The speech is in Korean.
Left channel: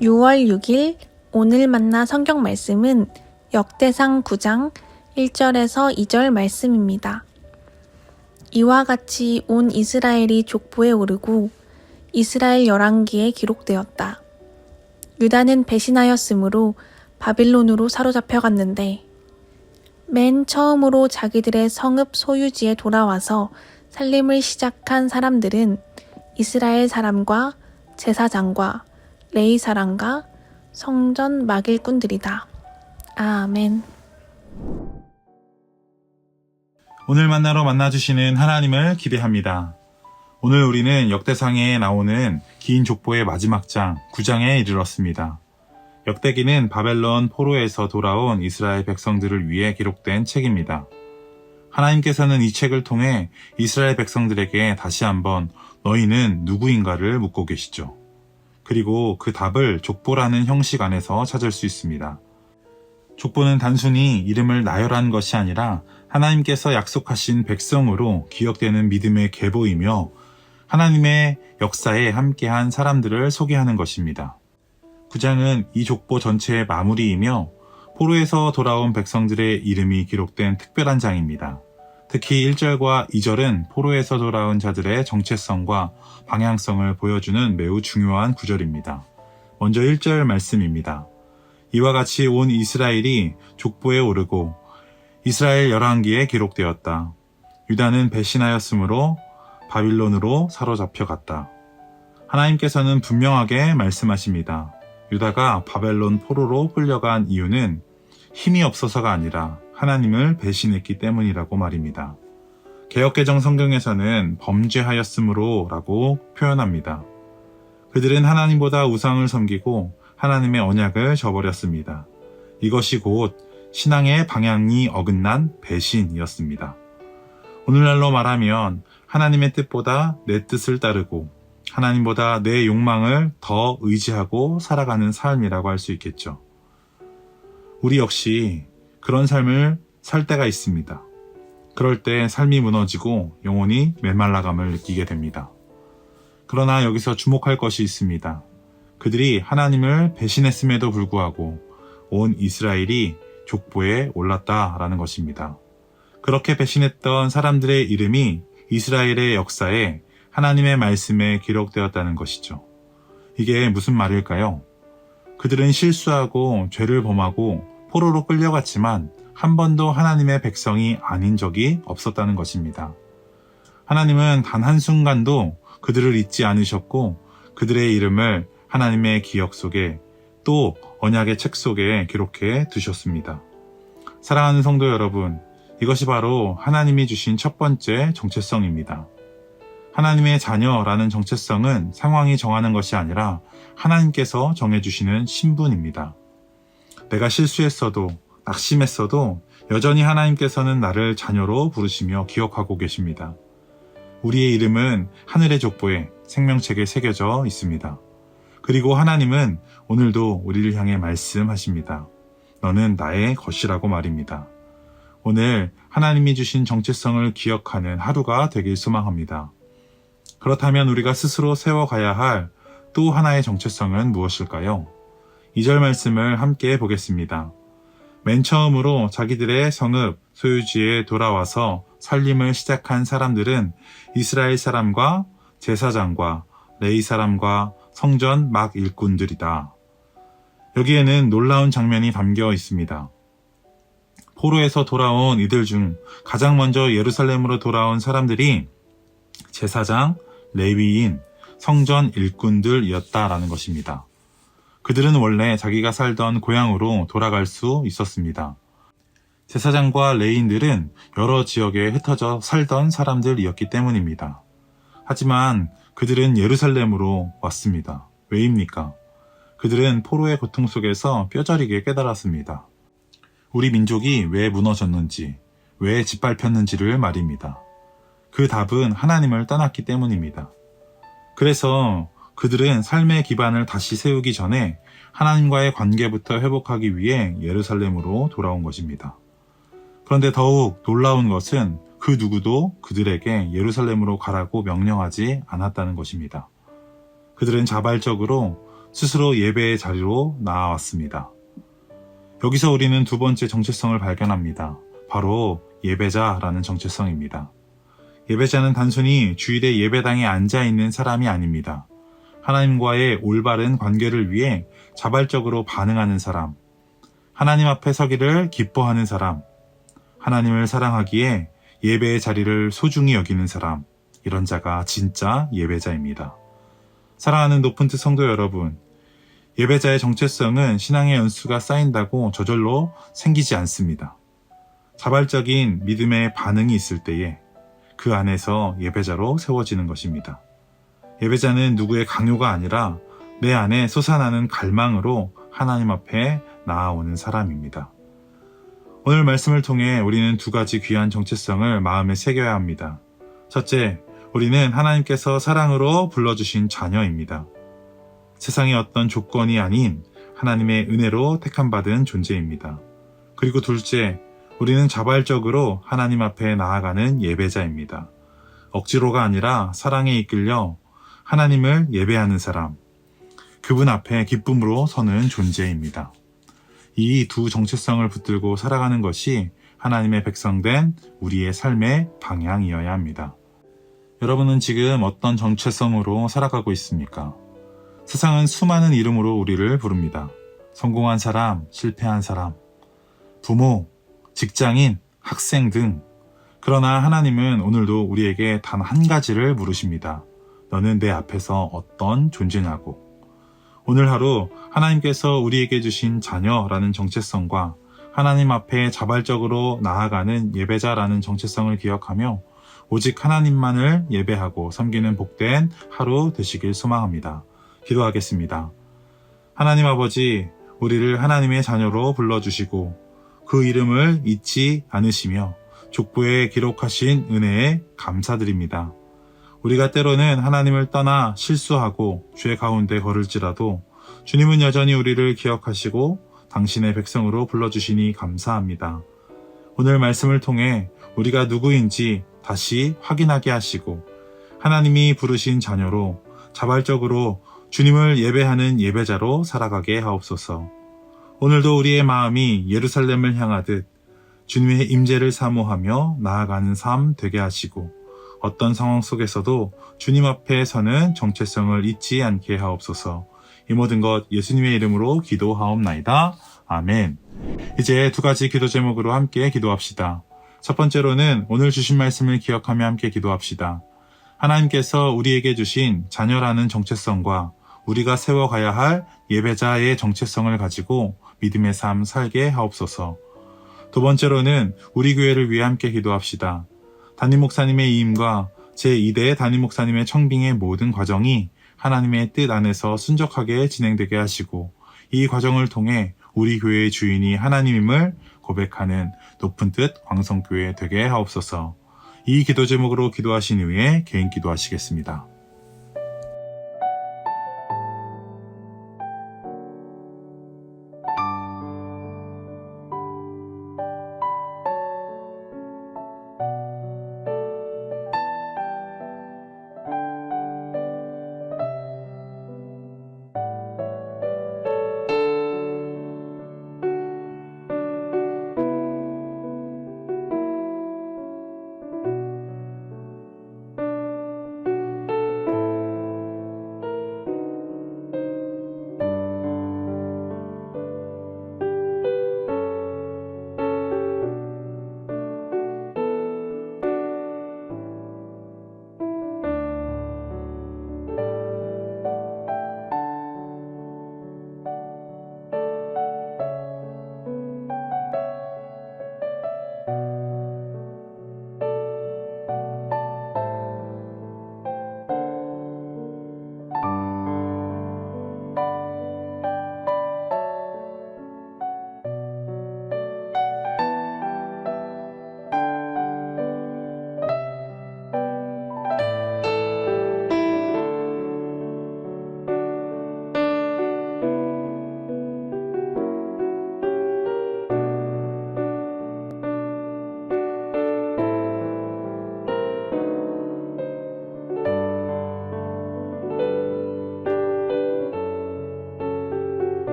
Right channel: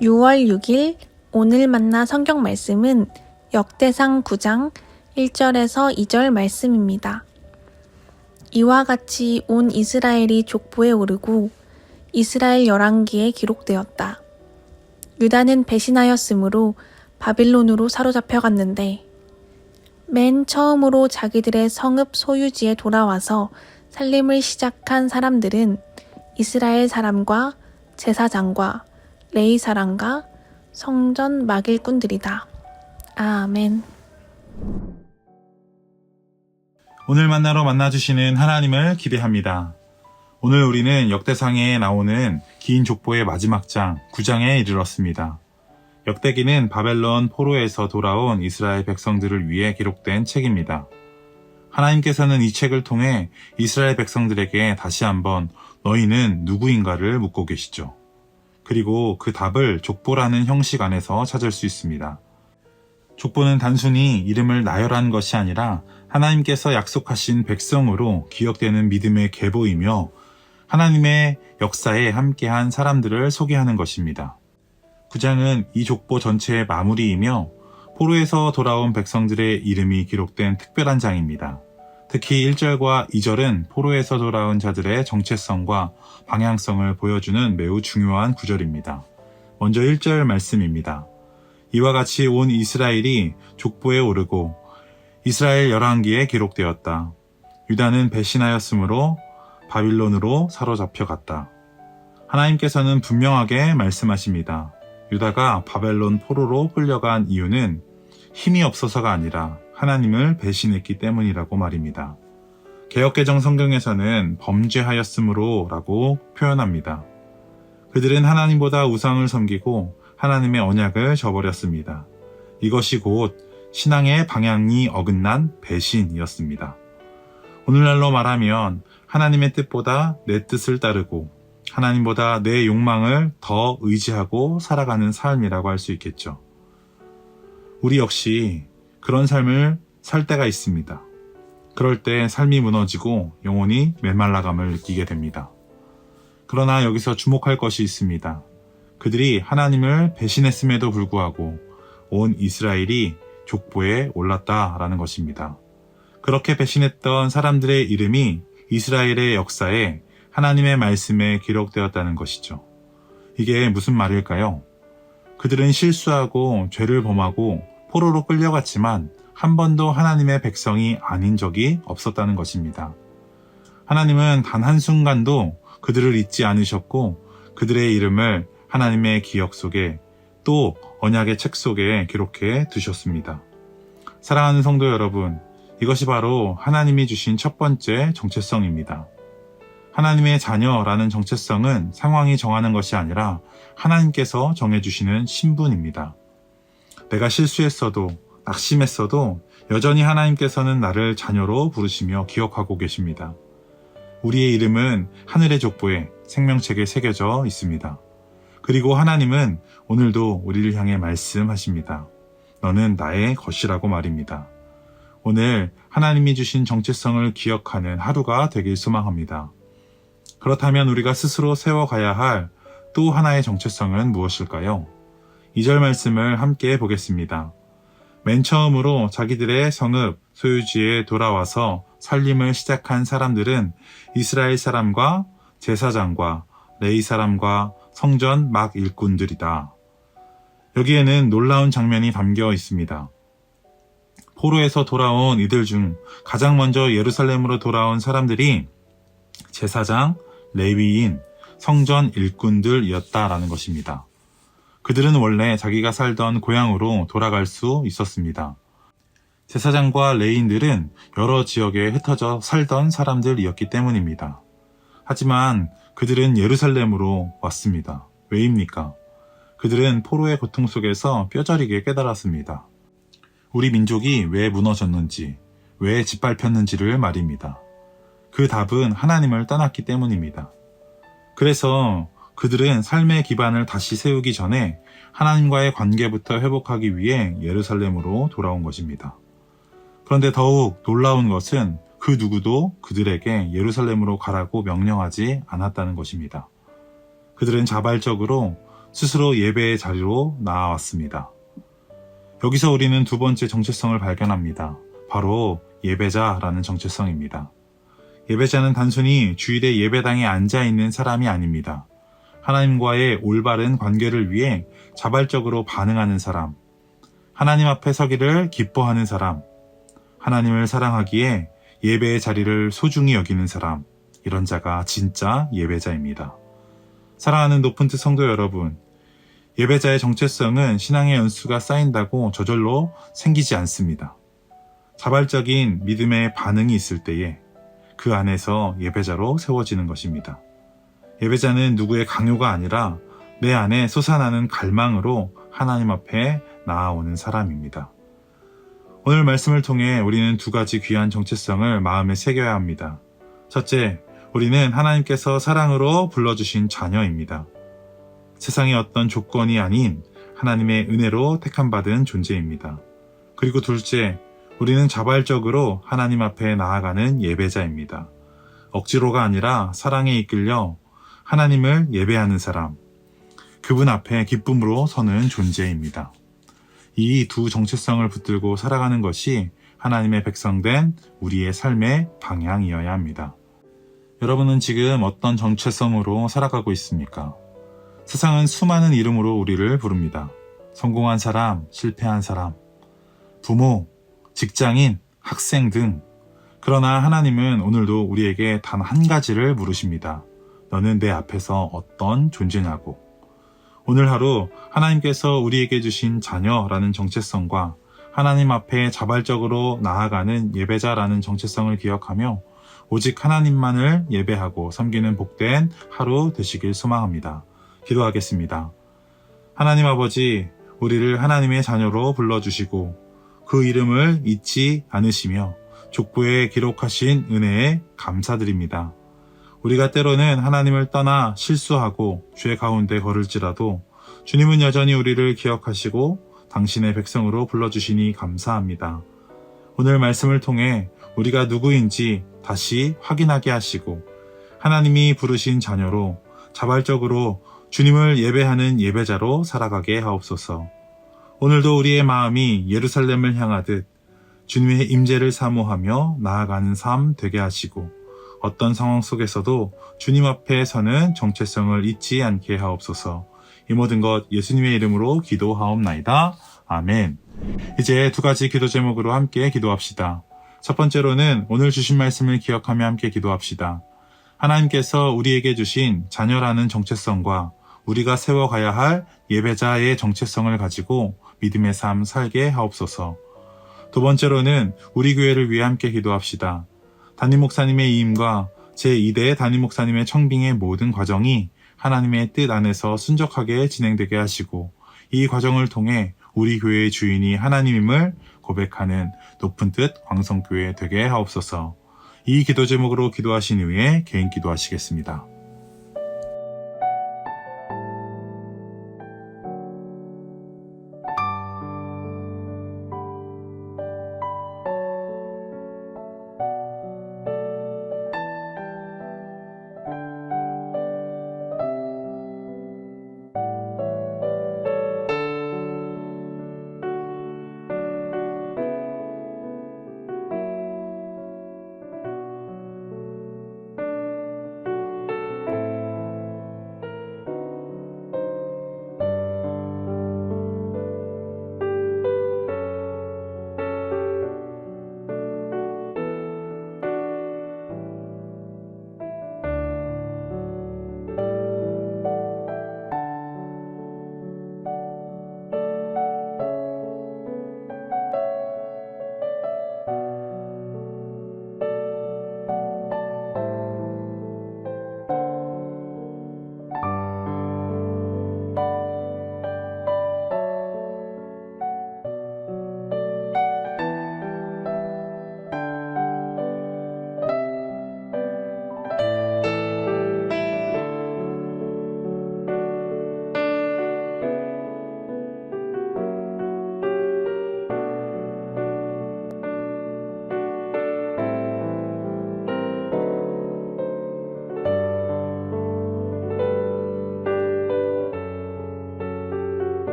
6월 6일 오늘 만나 성경 말씀은 역대상 9장 1절에서 2절 말씀입니다. 이와 같이 온 이스라엘이 족보에 오르고 이스라엘 열왕기에 기록되었다. 유다는 배신하였으므로 바빌론으로 사로잡혀갔는데 맨 처음으로 자기들의 성읍 소유지에 돌아와서 살림을 시작한 사람들은 이스라엘 사람과 제사장과 레위 사람과 성전 막일꾼들이다. 아멘. 오늘 만나러 만나주시는 하나님을 기대합니다. 오늘 우리는 역대상에 나오는 긴 족보의 마지막 장 9장에 이르렀습니다. 역대기는 바벨론 포로에서 돌아온 이스라엘 백성들을 위해 기록된 책입니다. 하나님께서는 이 책을 통해 이스라엘 백성들에게 다시 한번 너희는 누구인가를 묻고 계시죠. 그리고 그 답을 족보라는 형식 안에서 찾을 수 있습니다. 족보는 단순히 이름을 나열한 것이 아니라 하나님께서 약속하신 백성으로 기억되는 믿음의 계보이며 하나님의 역사에 함께한 사람들을 소개하는 것입니다. 9장은 이 족보 전체의 마무리이며 포로에서 돌아온 백성들의 이름이 기록된 특별한 장입니다. 특히 1절과 2절은 포로에서 돌아온 자들의 정체성과 방향성을 보여주는 매우 중요한 구절입니다. 먼저 1절 말씀입니다. 이와 같이 온 이스라엘이 족보에 오르고 이스라엘 열왕기에 기록되었다. 유다는 배신하였으므로 바빌론으로 사로잡혀갔다. 하나님께서는 분명하게 말씀하십니다. 유다가 바벨론 포로로 끌려간 이유는 힘이 없어서가 아니라 하나님을 배신했기 때문이라고 말입니다. 개역개정 성경에서는 범죄하였으므로 라고 표현합니다. 그들은 하나님보다 우상을 섬기고 하나님의 언약을 저버렸습니다. 이것이 곧 신앙의 방향이 어긋난 배신이었습니다. 오늘날로 말하면 하나님의 뜻보다 내 뜻을 따르고 하나님보다 내 욕망을 더 의지하고 살아가는 삶이라고 할 수 있겠죠. 우리 역시 그런 삶을 살 때가 있습니다. 그럴 때 삶이 무너지고 영혼이 메말라감을 느끼게 됩니다. 그러나 여기서 주목할 것이 있습니다. 그들이 하나님을 배신했음에도 불구하고 온 이스라엘이 족보에 올랐다라는 것입니다. 그렇게 배신했던 사람들의 이름이 이스라엘의 역사에 하나님의 말씀에 기록되었다는 것이죠. 이게 무슨 말일까요? 그들은 실수하고 죄를 범하고 포로로 끌려갔지만 한 번도 하나님의 백성이 아닌 적이 없었다는 것입니다. 하나님은 단 한순간도 그들을 잊지 않으셨고 그들의 이름을 하나님의 기억 속에 또 언약의 책 속에 기록해 두셨습니다. 사랑하는 성도 여러분, 이것이 바로 하나님이 주신 첫 번째 정체성입니다. 하나님의 자녀라는 정체성은 상황이 정하는 것이 아니라 하나님께서 정해주시는 신분입니다. 내가 실수했어도 낙심했어도 여전히 하나님께서는 나를 자녀로 부르시며 기억하고 계십니다. 우리의 이름은 하늘의 족보에 생명책에 새겨져 있습니다. 그리고 하나님은 오늘도 우리를 향해 말씀하십니다. 너는 나의 것이라고 말입니다. 오늘 하나님이 주신 정체성을 기억하는 하루가 되길 소망합니다. 그렇다면 우리가 스스로 세워가야 할 또 하나의 정체성은 무엇일까요? 2절 말씀을 함께 보겠습니다. 맨 처음으로 자기들의 성읍 소유지에 돌아와서 살림을 시작한 사람들은 이스라엘 사람과 제사장과 레위 사람과 성전 막 일꾼들이다. 여기에는 놀라운 장면이 담겨 있습니다. 포로에서 돌아온 이들 중 가장 먼저 예루살렘으로 돌아온 사람들이 제사장, 레위인, 성전 일꾼들이었다라는 것입니다. 그들은 원래 자기가 살던 고향으로 돌아갈 수 있었습니다. 제사장과 레위인들은 여러 지역에 흩어져 살던 사람들이었기 때문입니다. 하지만 그들은 예루살렘으로 왔습니다. 왜입니까? 그들은 포로의 고통 속에서 뼈저리게 깨달았습니다. 우리 민족이 왜 무너졌는지, 왜 짓밟혔는지를 말입니다. 그 답은 하나님을 떠났기 때문입니다. 그래서 그들은 삶의 기반을 다시 세우기 전에 하나님과의 관계부터 회복하기 위해 예루살렘으로 돌아온 것입니다. 그런데 더욱 놀라운 것은 그 누구도 그들에게 예루살렘으로 가라고 명령하지 않았다는 것입니다. 그들은 자발적으로 스스로 예배의 자리로 나아왔습니다. 여기서 우리는 두 번째 정체성을 발견합니다. 바로 예배자라는 정체성입니다. 예배자는 단순히 주일에 예배당에 앉아있는 사람이 아닙니다. 하나님과의 올바른 관계를 위해 자발적으로 반응하는 사람, 하나님 앞에 서기를 기뻐하는 사람, 하나님을 사랑하기에 예배의 자리를 소중히 여기는 사람, 이런 자가 진짜 예배자입니다. 사랑하는 높은 뜻 성도 여러분, 예배자의 정체성은 신앙의 연수가 쌓인다고 저절로 생기지 않습니다. 자발적인 믿음의 반응이 있을 때에 그 안에서 예배자로 세워지는 것입니다. 예배자는 누구의 강요가 아니라 내 안에 솟아나는 갈망으로 하나님 앞에 나아오는 사람입니다. 오늘 말씀을 통해 우리는 두 가지 귀한 정체성을 마음에 새겨야 합니다. 첫째, 우리는 하나님께서 사랑으로 불러주신 자녀입니다. 세상의 어떤 조건이 아닌 하나님의 은혜로 택함받은 존재입니다. 그리고 둘째, 우리는 자발적으로 하나님 앞에 나아가는 예배자입니다. 억지로가 아니라 사랑에 이끌려 하나님을 예배하는 사람, 그분 앞에 기쁨으로 서는 존재입니다. 이 두 정체성을 붙들고 살아가는 것이 하나님의 백성된 우리의 삶의 방향이어야 합니다. 여러분은 지금 어떤 정체성으로 살아가고 있습니까? 세상은 수많은 이름으로 우리를 부릅니다. 성공한 사람, 실패한 사람, 부모, 직장인, 학생 등. 그러나 하나님은 오늘도 우리에게 단 한 가지를 물으십니다. 너는 내 앞에서 어떤 존재냐고. 오늘 하루 하나님께서 우리에게 주신 자녀라는 정체성과 하나님 앞에 자발적으로 나아가는 예배자라는 정체성을 기억하며 오직 하나님만을 예배하고 섬기는 복된 하루 되시길 소망합니다. 기도하겠습니다. 하나님 아버지, 우리를 하나님의 자녀로 불러주시고 그 이름을 잊지 않으시며 족보에 기록하신 은혜에 감사드립니다. 우리가 때로는 하나님을 떠나 실수하고 죄 가운데 걸을지라도 주님은 여전히 우리를 기억하시고 당신의 백성으로 불러주시니 감사합니다. 오늘 말씀을 통해 우리가 누구인지 다시 확인하게 하시고 하나님이 부르신 자녀로 자발적으로 주님을 예배하는 예배자로 살아가게 하옵소서. 오늘도 우리의 마음이 예루살렘을 향하듯 주님의 임재를 사모하며 나아가는 삶 되게 하시고 어떤 상황 속에서도 주님 앞에 서는 정체성을 잊지 않게 하옵소서. 이 모든 것 예수님의 이름으로 기도하옵나이다. 아멘. 이제 두 가지 기도 제목으로 함께 기도합시다. 첫 번째로는 오늘 주신 말씀을 기억하며 함께 기도합시다. 하나님께서 우리에게 주신 자녀라는 정체성과 우리가 세워가야 할 예배자의 정체성을 가지고 믿음의 삶 살게 하옵소서. 두 번째로는 우리 교회를 위해 함께 기도합시다. 담임 목사님의 이임과 제2대 담임 목사님의 청빙의 모든 과정이 하나님의 뜻 안에서 순적하게 진행되게 하시고 이 과정을 통해 우리 교회의 주인이 하나님임을 고백하는 높은 뜻 광성교회 되게 하옵소서. 이 기도 제목으로 기도하신 후에 개인 기도하시겠습니다.